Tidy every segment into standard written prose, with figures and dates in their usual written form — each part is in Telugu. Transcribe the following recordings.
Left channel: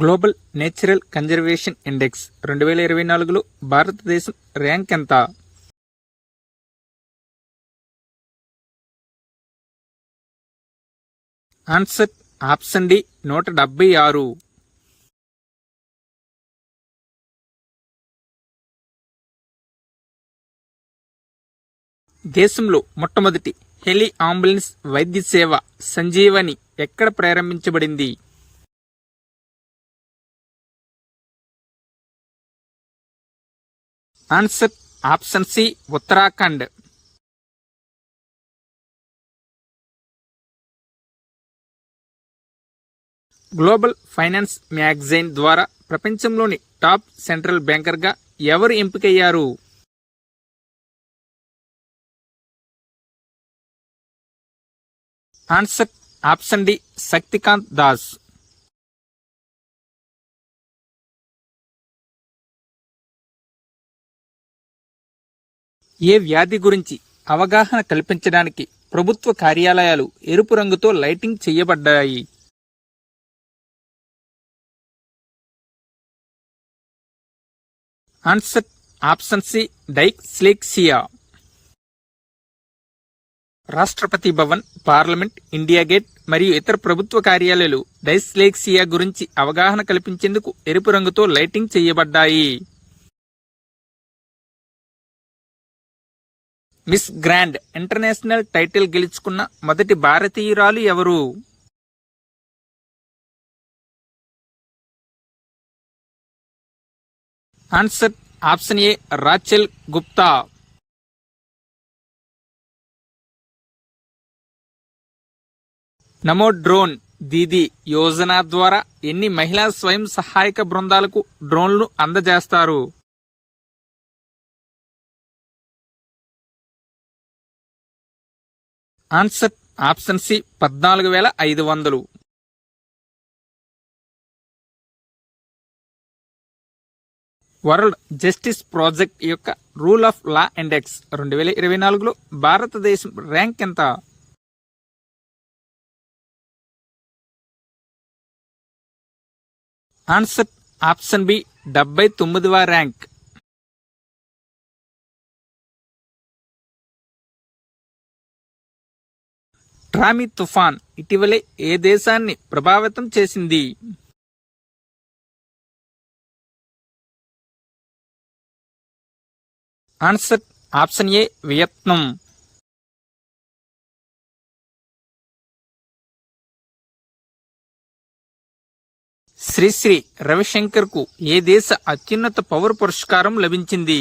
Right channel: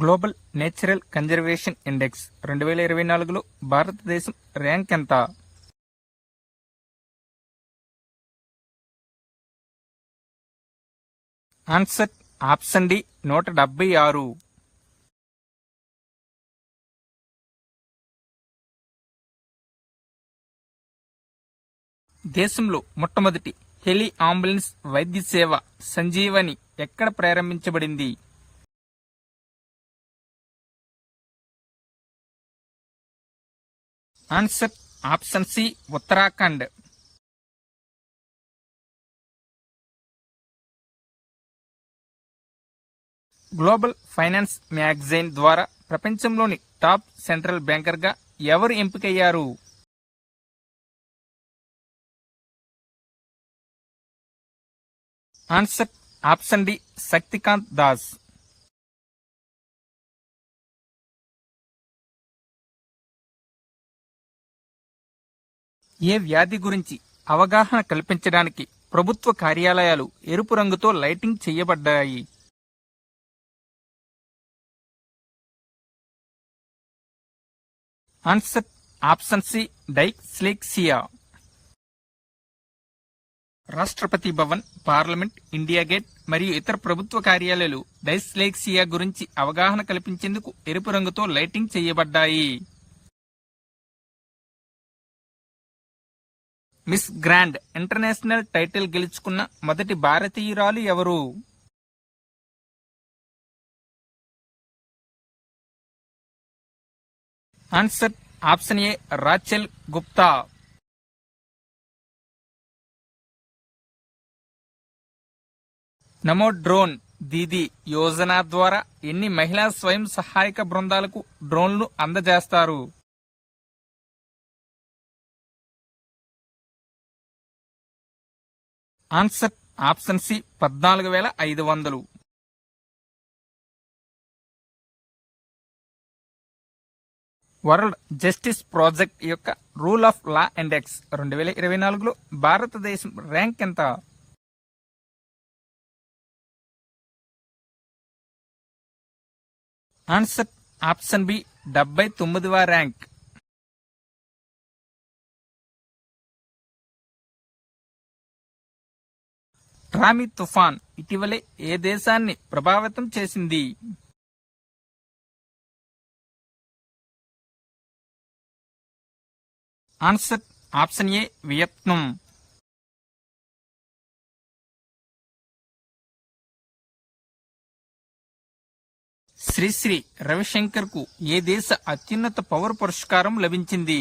గ్లోబల్ నేచురల్ కన్జర్వేషన్ ఇండెక్స్ 2024లో భారతదేశం ర్యాంక్ ఎంత? Answer option D 176. దేశంలో మొట్టమొదటి హెలి అంబులెన్స్ వైద్య సేవ సంజీవని ఎక్కడ ప్రారంభించబడింది? Answer option C Uttarakhand. Global finance magazine ద్వారా ప్రపంచంలోని టాప్ సెంట్రల్ బ్యాంకర్గా ఎవరు ఎంపికయ్యారు? Answer option D Shaktikanta Das. ఏ వ్యాధి గురించి అవగాహన కల్పించడానికి ప్రభుత్వ కార్యాలయాలు ఎరుపు రంగుతో లైటింగ్ చేయబడ్డాయి? Answer option C dyslexia. Rashtrapati Bhavan, parliament, India gate మరియు ఇతర ప్రభుత్వ కార్యాలయాలు డైస్లెక్సియా గురించి అవగాహన కల్పించేందుకు ఎరుపు రంగుతో లైటింగ్ చేయబడ్డాయి. మిస్ గ్రాండ్ ఇంటర్నేషనల్ టైటిల్ గెలుచుకున్న మొదటి భారతీయురాలు ఎవరు? ఆన్సర్ ఆప్షన్ ఏ రాచెల్ గుప్తా. నమో డ్రోన్ దీదీ యోజన ద్వారా ఎన్ని మహిళా స్వయం సహాయక బృందాలకు డ్రోన్లు అందజేస్తారు? Answer option C 14,500. World justice project యొక్క రూల్ ఆఫ్ లా ఇండెక్స్ 2024లో భారతదేశం ర్యాంక్ ఎంత? ఆన్సర్ ఆప్షన్ బి 79వ ర్యాంక్. ట్రామీ తుఫాన్ ఇటీవలే ఏ దేశాన్ని ప్రభావితం చేసింది? Answer option A Vietnam. Shri Ravishankar కు ఏ దేశ అత్యున్నత పౌర పురస్కారం లభించింది?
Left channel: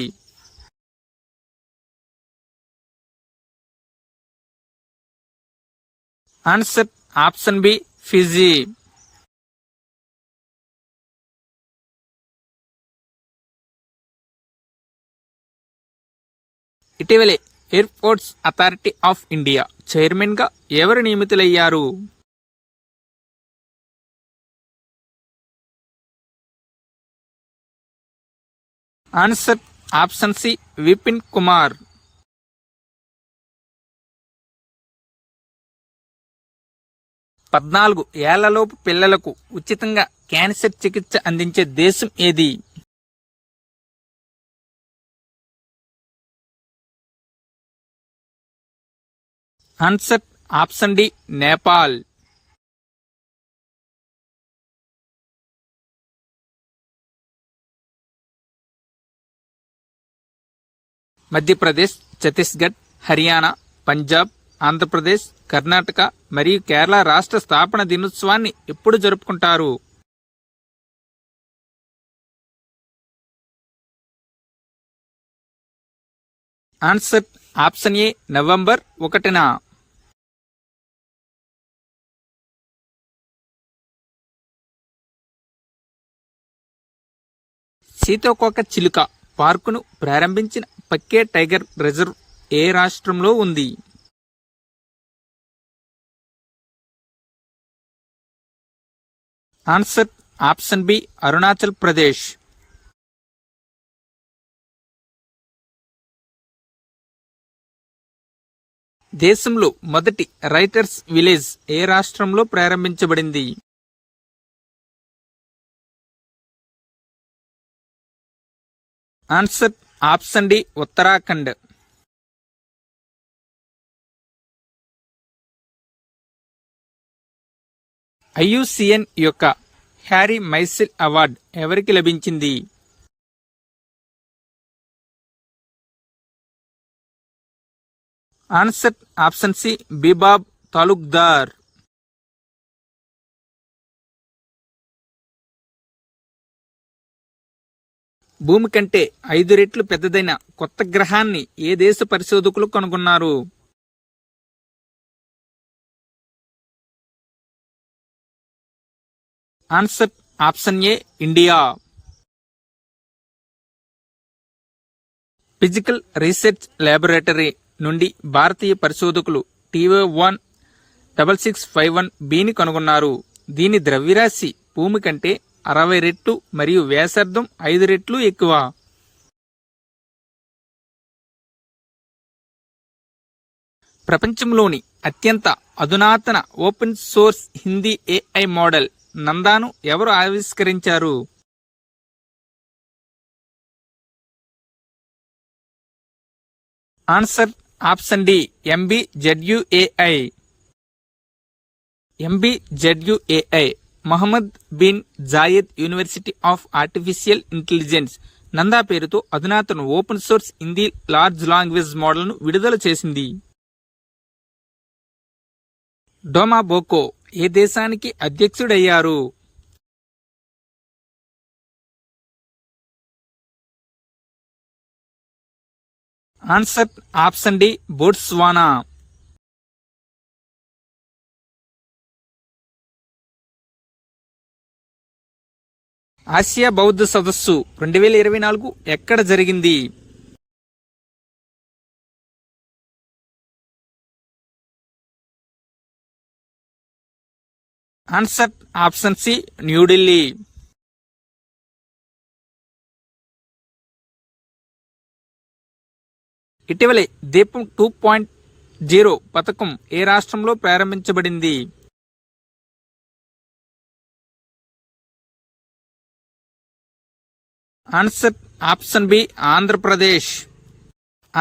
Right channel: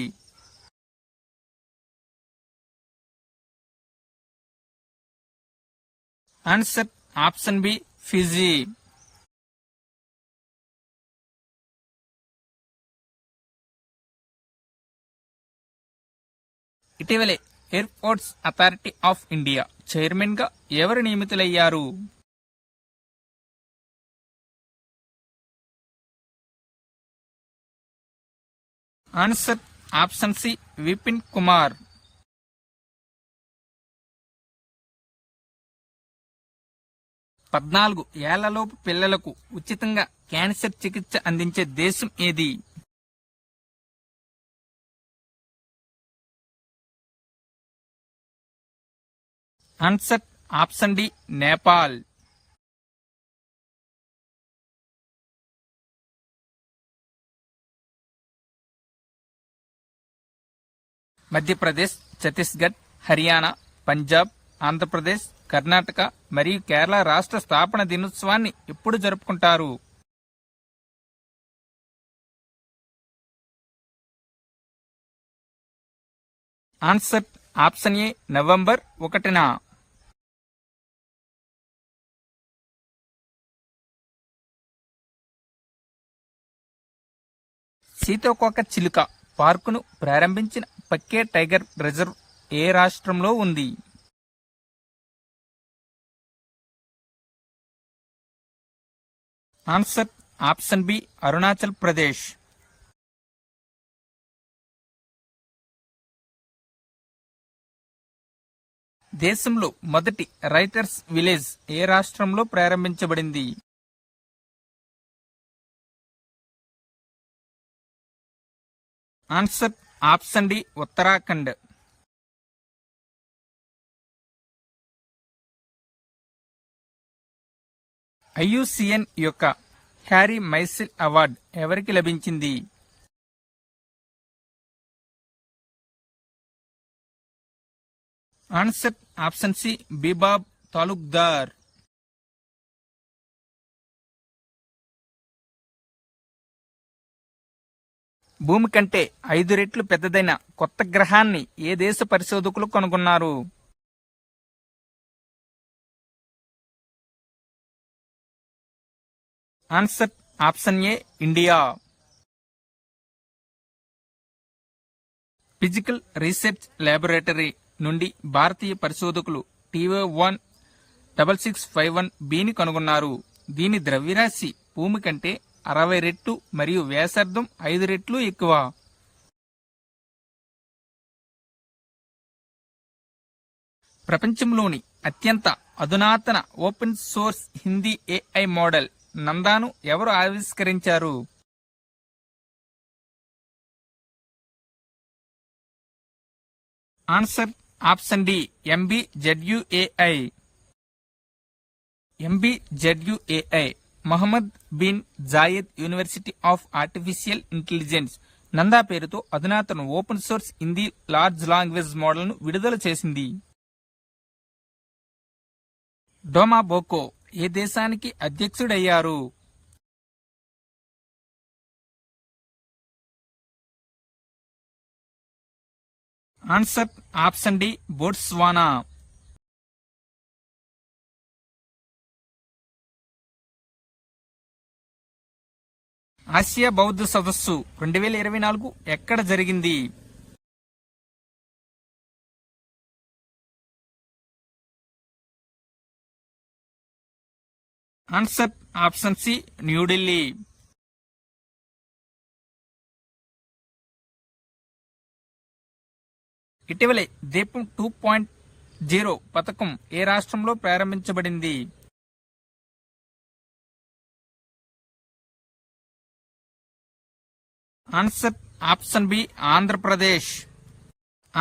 Answer option B Fiji. ఇటీవలే airports authority of India chairman గా ఎవరు నియమితులయ్యారు? Answer option C Vipin Kumar. పద్నాలుగు ఏళ్లలోపు పిల్లలకు ఉచితంగా క్యాన్సర్ చికిత్స అందించే దేశం ఏది? Answer option D Nepal. Madhya Pradesh, Chhattisgarh, Haryana, Punjab, Andhra Pradesh, Karnataka మరియు కేరళ రాష్ట్ర స్థాపన దినోత్సవాన్ని ఎప్పుడు జరుపుకుంటారు? ఆన్సర్ ఆప్షన్ ఏ నవంబర్ 1న. సీతాకోక చిలుక పార్కును ప్రారంభించిన పక్కే టైగర్ రిజర్వ్ ఏ రాష్ట్రంలో ఉంది? Answer option B Arunachal Pradesh. దేశంలో మొదటి రైటర్స్ విలేజ్ ఏ రాష్ట్రంలో ప్రారంభించబడింది? Answer option D Uttarakhand. IUCN యొక్క హ్యారీ మైసిల్ అవార్డ్ ఎవరికి లభించింది? Answer option C Bibhab Talukdar. భూమి కంటే 5 రెట్లు పెద్దదైన కొత్త గ్రహాన్ని ఏ దేశ పరిశోధకులు కనుగొన్నారు? ఆన్సర్ ఆప్షన్ ఏ ఇండియా. ఫిజికల్ రీసెర్చ్ ల్యాబొరేటరీ నుండి భారతీయ పరిశోధకులు TO16651bని కనుగొన్నారు. దీని ద్రవ్యరాశి భూమి కంటే 60 రెట్లు మరియు వ్యాసార్థం 5 రెట్లు ఎక్కువ. ప్రపంచంలోని అత్యంత అధునాతన open source Hindi AI model నందాను ఎవరు ఆవిష్కరించారు? Answer option D MBZUAI. MBZUAI Mohammed bin Zayed university of artificial intelligence Nanda పేరుతో అధునాతన open source Hindi large language మోడల్ను విడుదల చేసింది. డోమా బోకో ఏ దేశానికి అధ్యక్షుడయ్యారు? Answer option D Botswana. Asia బౌద్ధ సదస్సు 2024 ఎక్కడ జరిగింది? Answer option C New Delhi. ఇటీవలే దీపం 2.0 పథకం ఏ రాష్ట్రంలో ప్రారంభించబడింది? Answer option B Andhra Pradesh.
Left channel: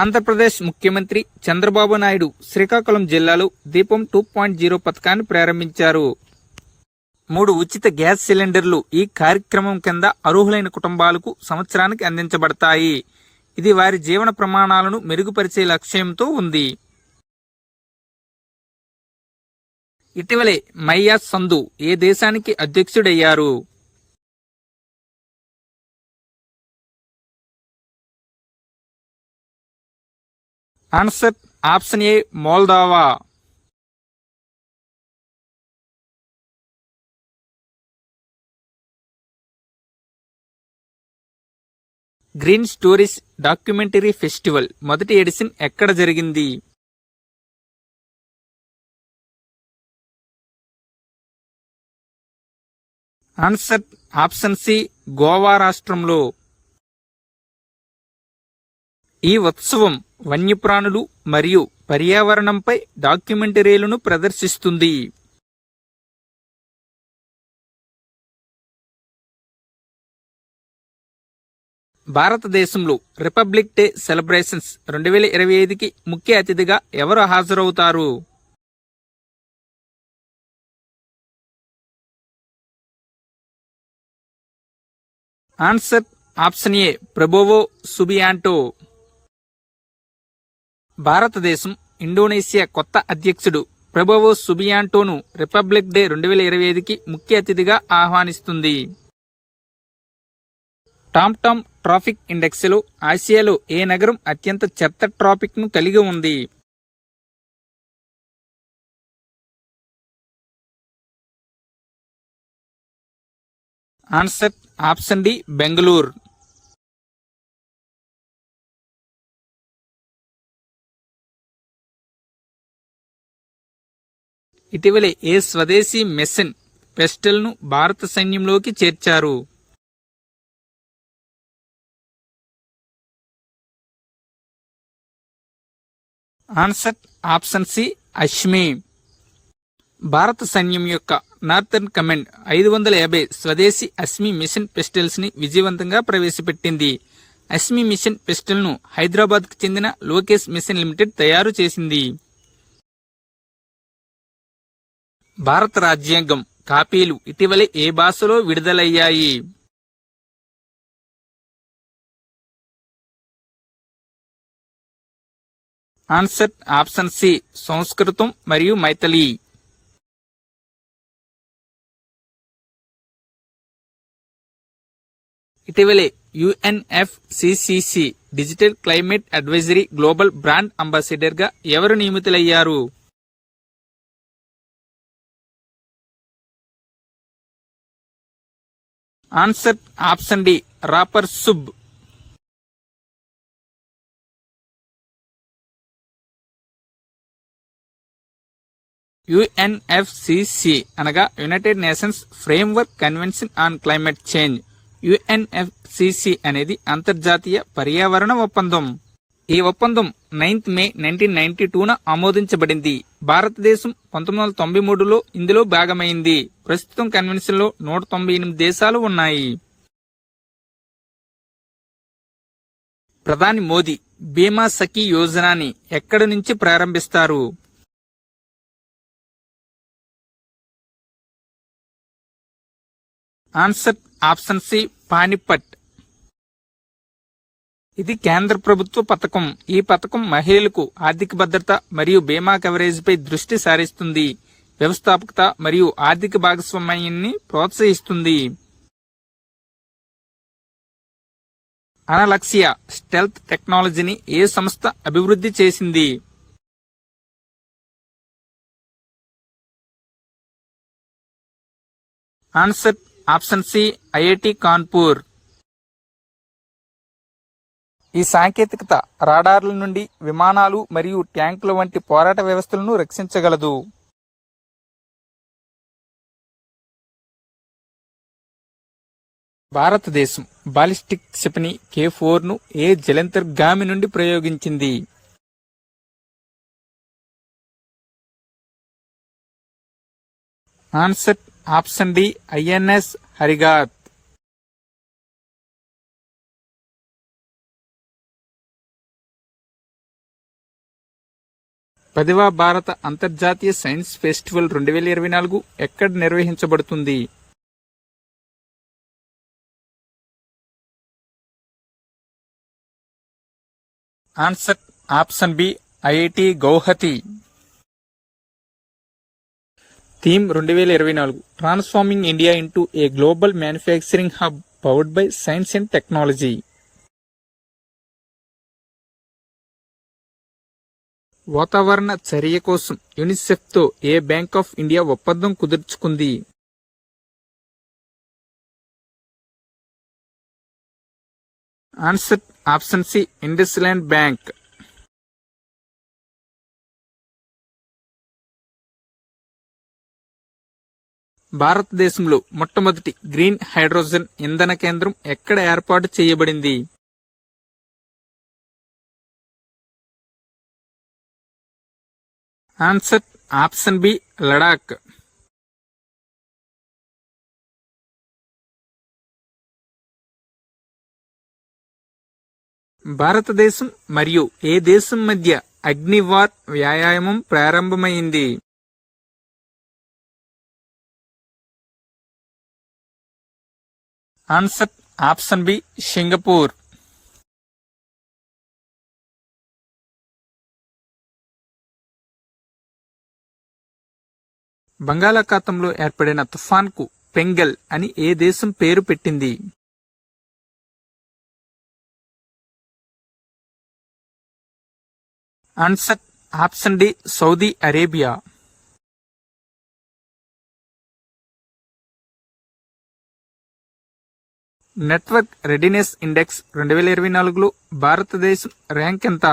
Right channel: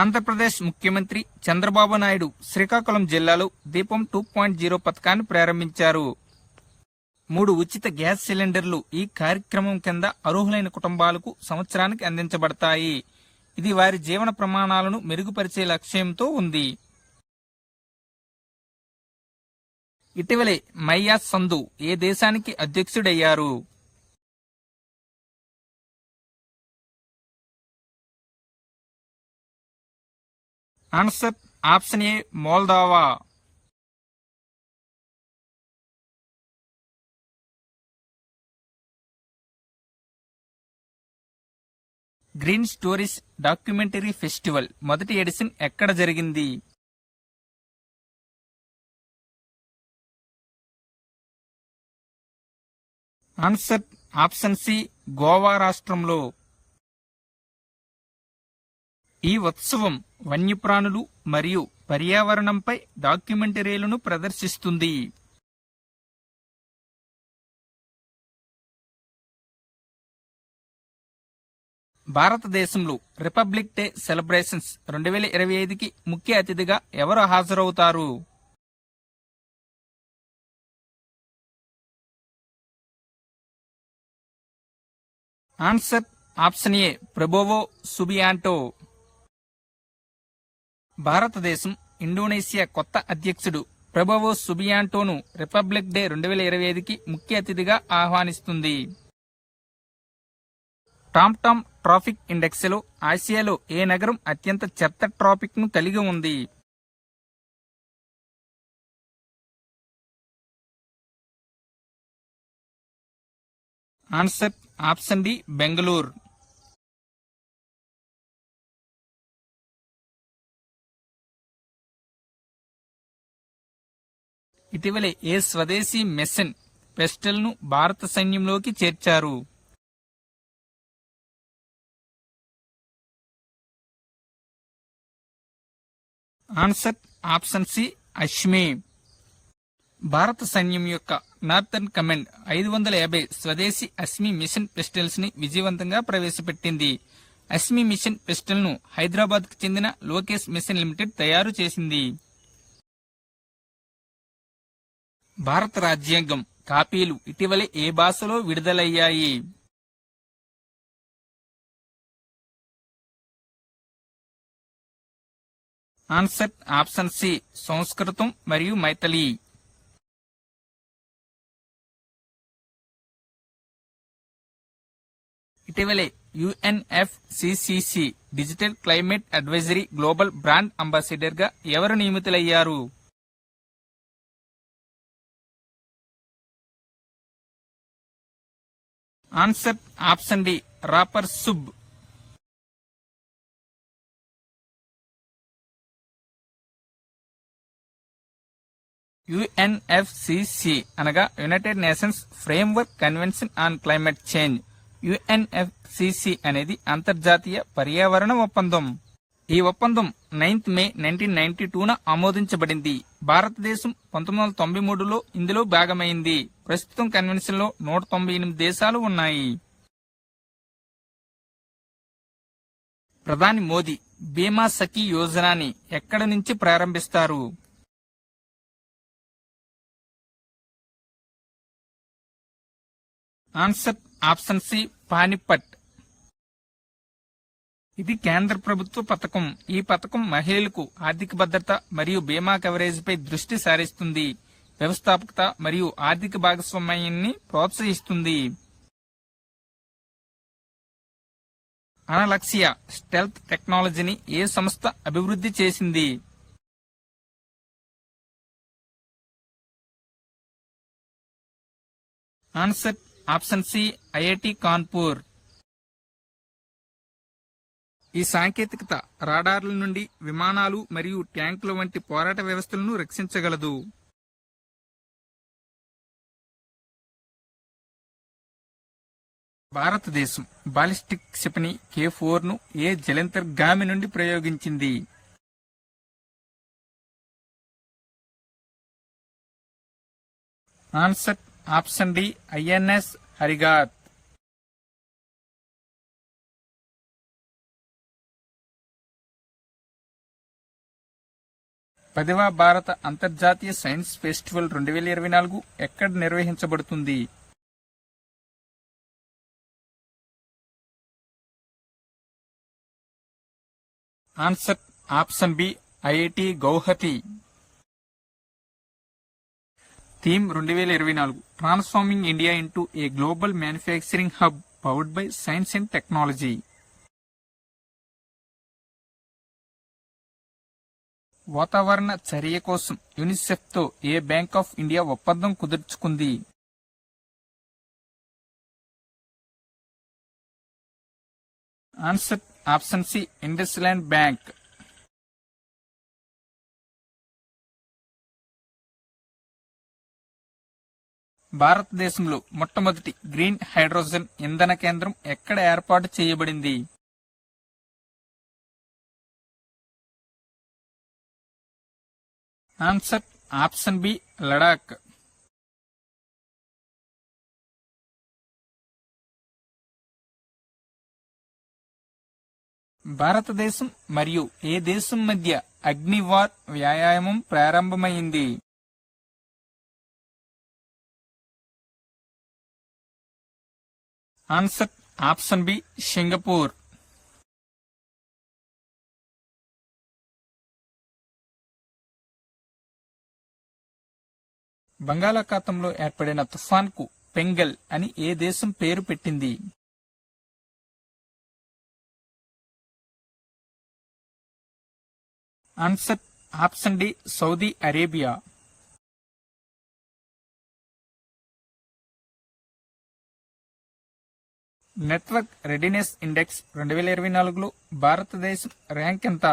Andhra Pradesh ముఖ్యమంత్రి చంద్రబాబు నాయుడు శ్రీకాకుళం జిల్లాలో దీపం 2.0 పథకాన్ని ప్రారంభించారు. 3 ఉచిత గ్యాస్ సిలిండర్లు ఈ కార్యక్రమం కింద అర్హులైన కుటుంబాలకు సంవత్సరానికి అందించబడతాయి. ఇది వారి జీవన ప్రమాణాలను మెరుగుపరిచే లక్ష్యంతో ఉంది. ఇటీవలే మయ్యా సంధు ఏ దేశానికి అధ్యక్షుడయ్యారు? Answer option A Moldova. Green stories documentary festival మొదటి ఎడిషన్ ఎక్కడ జరిగింది? ఆన్సర్ ఆప్షన్ సి గోవా రాష్ట్రంలో. ఈ ఉత్సవం వన్యప్రాణులు మరియు పర్యావరణంపై డాక్యుమెంటరీలను ప్రదర్శిస్తుంది. భారతదేశంలో రిపబ్లిక్ డే సెలబ్రేషన్స్ 2025కి ముఖ్య అతిథిగా ఎవరు హాజరవుతారు? ఆన్సర్ ఆప్షన్ ఏ ప్రబోవో సుబియాంటో. భారతదేశం ఇండోనేషియా కొత్త అధ్యక్షుడు ప్రబోవో సుబియాంటోను రిపబ్లిక్ డే 2025కి ముఖ్య అతిథిగా ఆహ్వానిస్తుంది. టామ్టామ్ ట్రాఫిక్ ఇండెక్స్లో ఆసియాలో ఏ నగరం అత్యంత చెత్త ట్రాఫిక్ ను కలిగి ఉంది? Answer option D Bengaluru. ఇటీవలే ఏ స్వదేశీ మిషన్ పెస్టల్ను భారత సైన్యంలోకి చేర్చారు? Answer option C Asmi. భారత సైన్యం యొక్క నార్థర్న్ కమాండ్ 550 స్వదేశీ అశ్మి మిషన్ పిస్టల్స్ ని విజయవంతంగా ప్రవేశపెట్టింది. అశ్మి మిషన్ పిస్టల్ను హైదరాబాద్కు చెందిన లోకేష్ మిషన్ లిమిటెడ్ తయారు చేసింది. భారత రాజ్యాంగం కాపీలు ఇటీవలే ఏ భాషలో విడుదలయ్యాయి? ఆన్సర్ ఆప్షన్ సి సంస్కృతం మరియు మైథిలి. ఇటీవలే UNFCCC digital climate advisory global brand ambassador గా ఎవరు నియమితులయ్యారు? Answer option D rapper Subh. UNFCCC అనగా united nations framework convention on climate change. UNFCCC అనేది అంతర్జాతీయ పర్యావరణ ఒప్పందం. ఈ ఒప్పందం 9th మే 1992న ఆమోదించబడింది. భారతదేశం 1993లో ఇందులో భాగమైంది. ప్రస్తుతం కన్వెన్షన్ లో 198 దేశాలు ఉన్నాయి. ప్రధాని మోదీ బీమా సఖీ యోజనని ఎక్కడి నుంచి ప్రారంభిస్తారు? Answer option C Panipat. ఇది కేంద్ర ప్రభుత్వ పథకం. ఈ పథకం మహిళలకు ఆర్థిక భద్రత మరియు బీమా కవరేజ్ పై దృష్టి సారిస్తుంది. వ్యవస్థాపకత మరియు ఆర్థిక భాగస్వామ్యాన్ని ప్రోత్సహిస్తుంది. అనలక్సియా స్టెల్త్ టెక్నాలజీని ఏ సంస్థ అభివృద్ధి చేసింది? Answer option C IIT Kanpur. ఈ సాంకేతికత రాడార్ల నుండి విమానాలు మరియు ట్యాంకుల వంటి పోరాట వ్యవస్థలను రక్షించగలదు. భారతదేశం బాలిస్టిక్ క్షిపణి K4ను ఏ జలంతర్గామి నుండి ప్రయోగించింది? Answer option D INS Arighat. పదవ భారత అంతర్జాతీయ సైన్స్ ఫెస్టివల్ 2024 ఎక్కడ నిర్వహించబడుతుంది? Answer option B IIT Guwahati. Theme 2024 transforming India into a global manufacturing hub powered by science and technology. వాతావరణ చర్య కోసం యునిసెఫ్ తో ఏ బ్యాంక్ ఆఫ్ ఇండియా ఒప్పందం కుదుర్చుకుంది? Answer option C IndusInd bank. భారతదేశంలో మొట్టమొదటి గ్రీన్ హైడ్రోజన్ ఇంధన కేంద్రం ఎక్కడ ఏర్పాటు చేయబడింది? Answer option B Ladakh. భారతదేశం మరియు ఏ దేశం మధ్య అగ్నివార్ వ్యాయామం ప్రారంభమైంది? Answer option B Singapore. బంగాళాఖాతంలో ఏర్పడిన తుఫాన్కు పెంగల్ అని ఏ దేశం పేరు పెట్టింది? Answer option D Saudi Arabia. Network readiness index 2024లో భారతదేశం ర్యాంక్ ఎంత?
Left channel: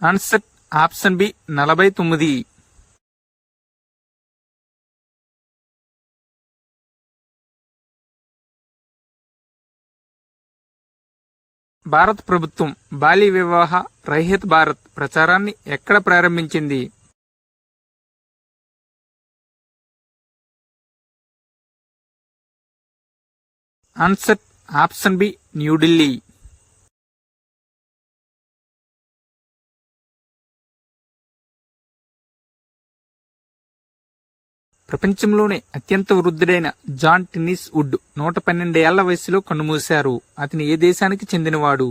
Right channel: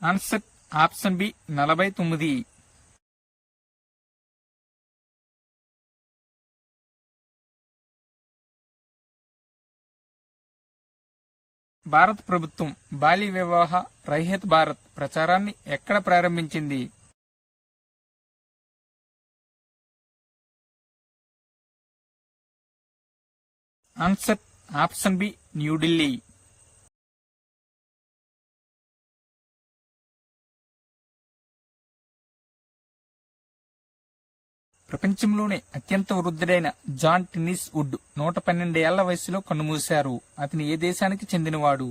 Answer option B 49. భారత ప్రభుత్వం బాల్య వివాహ రహిత భారత్ ప్రచారాన్ని ఎక్కడ ప్రారంభించింది? Answer option B New Delhi. ప్రపంచంలోనే అత్యంత వృద్ధుడైన జాన్ టెన్నిస్ వుడ్ 112 ఏళ్ల వయసులో కన్నుమూశారు. అతని ఏ దేశానికి చెందినవాడు?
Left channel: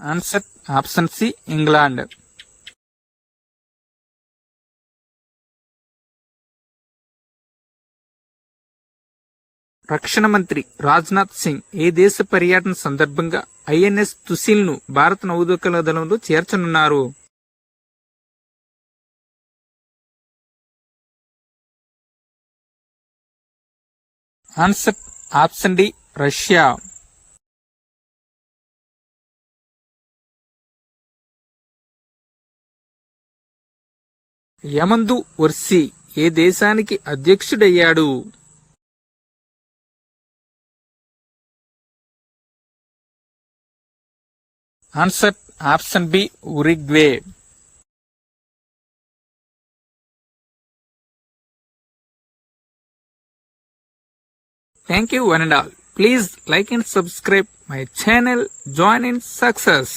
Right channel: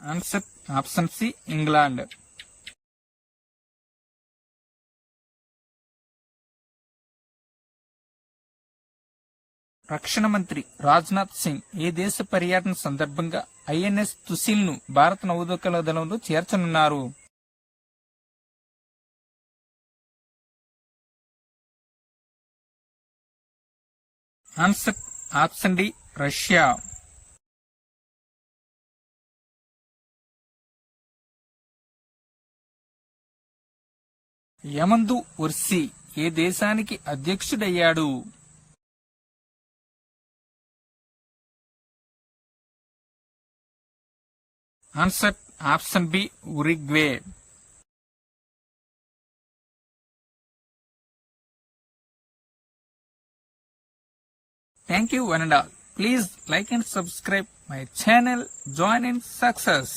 Answer option C England. రక్షణ మంత్రి రాజ్నాథ్ సింగ్ ఏ దేశ పర్యటన సందర్భంగా ఐఎన్ఎస్ తుసిల్ ను భారత నౌదళ దళంలో చేర్చనున్నారు? Answer option D Russia. Yamandu Orsi ఏ దేశానికి అధ్యక్షుడయ్యాడు? Answer option B Uruguay. Thank you one and all. Please like and subscribe my channel. Join in success.